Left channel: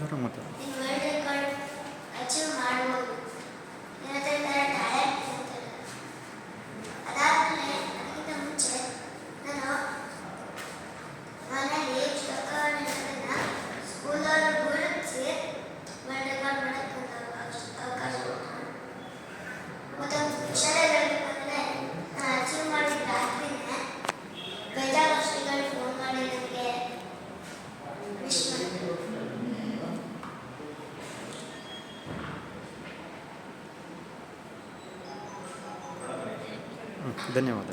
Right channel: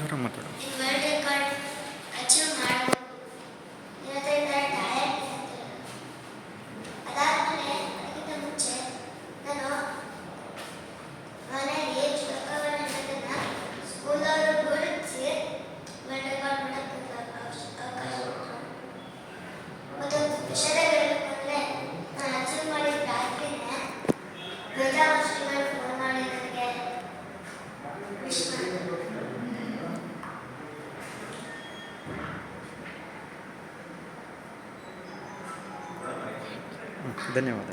ಜೋರಾಗಿ ಮಾತಾಡು. ನೀನು ವರ್ಲ್ಡ್ ರೆಕಾರ್ಡ್ ಅಚೀವ್ ಮಾಡ್ಬೋದು. ನಿನ್ನ ಹತ್ರ ಈ ಥರ ಟ್ಯಾಲೆಂಟ್ ಇರುತ್ತೆ. ಅದಾದಮೇಲೆ ಅದಕ್ಕಿಂತ ಮುಂಚೆ ನಾನು ಮನೆಯಲ್ಲಿ ಶ್ಲೋಕವನ್ನು ಹೇಳೋದನ್ನು ಸ್ಕೂಲವರು ಗುರುತಿಸಿ ವರ್ಲ್ಡ್ ರೆಕಾರ್ಡ್ ಮಾಡೋಕ್ಕೆ ಅವಕಾಶ ಕೊಟ್ಟರು. ಮತ್ತೊಂದು ವಿಷಯ ಹೇಳಬೇಕಂದ್ರೆ ನಾನು ಅಚೀವ್ ಮಾಡಿದ ರಾತ್ರಿನೇ ಬೇಜಾರು ವರ್ಷಗಳು ಫೋನ್ ಮಾಡಿ ನನಗೆ ವಿಶ್ ಮಾಡಿದ್ರು. ಧನ್ಯವಾದ.